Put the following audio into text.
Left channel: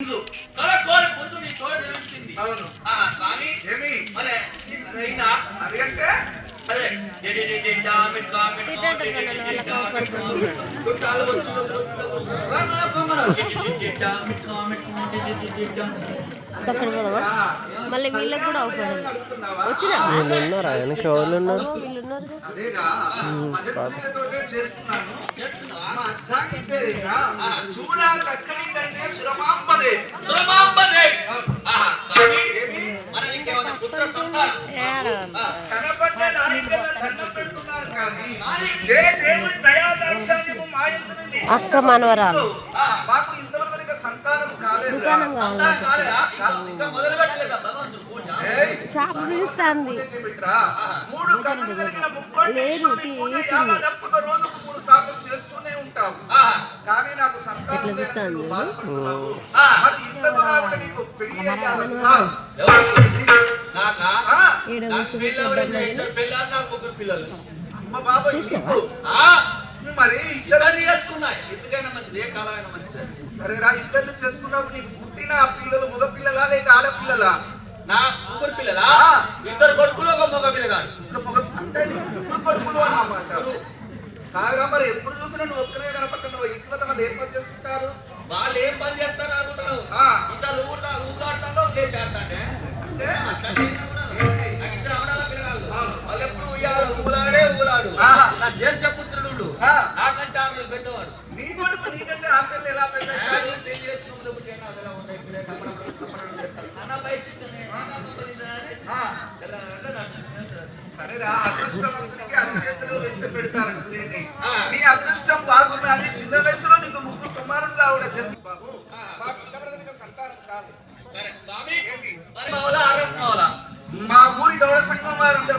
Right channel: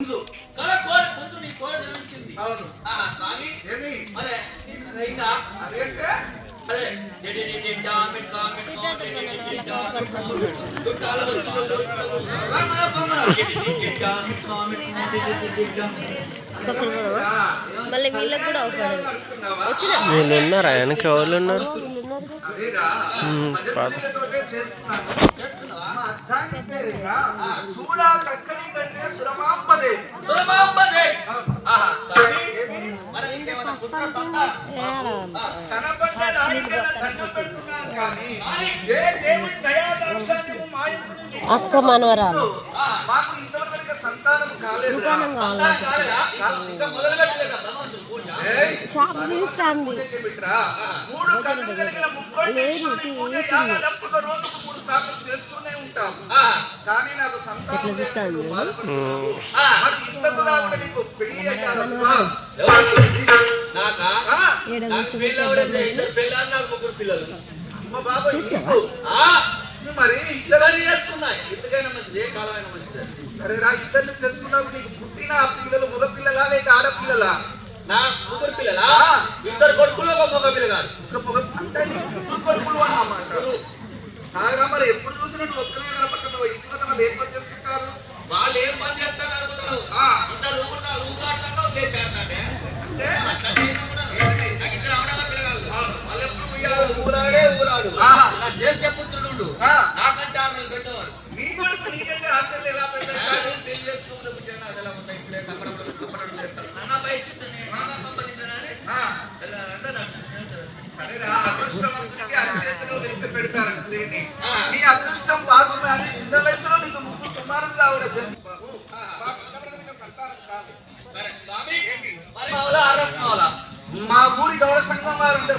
కళ కోరి పొందు నీ తోడ జన్మించింది. అవును. స్వామి ఏమి అరే అయిందా అదేంటే అరే మళ్ళీ వీళ్ళకి కూడా వీళ్ళు ఉన్నారు, ఆయనకి ఎవరు ఉన్నారు? చూడా చక్కని కంటే సురమాంబదే అక్క మనవరాలు మాకు ఇంతవరకు సంతానం కాలేదు. దుకాణం కావాలి, షాప్ తీస్తాంది. మూడు కన్నులు కలిగిన రోజుకు 3 సార్లు చేస్తూనే ఉంటాం, కానీ నాకు సంతానం లేదు. బాధపడుతున్నావు. మరి ఇంతకు కూడా నీకు పెళ్లి అయ్యాలమ్మా. అమ్మ బాబా నీకు మరి ఇద్దరు చేసుకున్నాయి. ఎందుకైనా మంచిది, ఏ కాలమైనా మంచిది. సరేరా, ఇద్దరు చేసుకున్నావు. నీకు పుట్టిన ఆ పిల్లలు మగ పిల్లలా లేక ఆడపిల్లలా? నా ముగ్గురు పిల్లలా? ఇద్దరు కొడుకులు, ఒక మగ పిల్లగాడు. అంటే ముగ్గురు కొడుకులు అన్నమాట. కాదురా, మరి ఎప్పుడు చూసినా నువ్వు ఒక్కరే కనపడుతున్నావు. ఇంటి వల్ల వాళ్ళు ఏం పని చేస్తుంటారు? వాళ్ళు ఏం పని చేస్తారు అనుకుంటున్నావు? ఇద్దరు ఊరుకుంటారు, లేచి ఆడతాంటే ఇద్దరు ఆడాలి పిల్లగాళ్ళు. వాళ్ళు ఎప్పుడు ఊగులాడే ఊగులాడు. నా జ్యేష్ఠ పుత్రుడు నాకంటే ఆమె పెద్దవాడు. నీ కొడుకు నీకంటే ఆ పిల్లలు ఎలా పెద్దవాడు? పెళ్లి చేసుకుంటే పుట్టాను అదెలా ఉంటాయి. ఇప్పుడే నాన్న బయట సరేరా, అదృష్టవంతునికి అరచేతిలో వెంట పెడతారట దీన్ని. నీ అదృష్టం బాగున్నది. చిన్న వయసులో నీకు 3 కుమారులు రావడం జరిగింది బాబు. సంతానం కాదు. మా ఊరి గౌడ సంఘం వారందరూ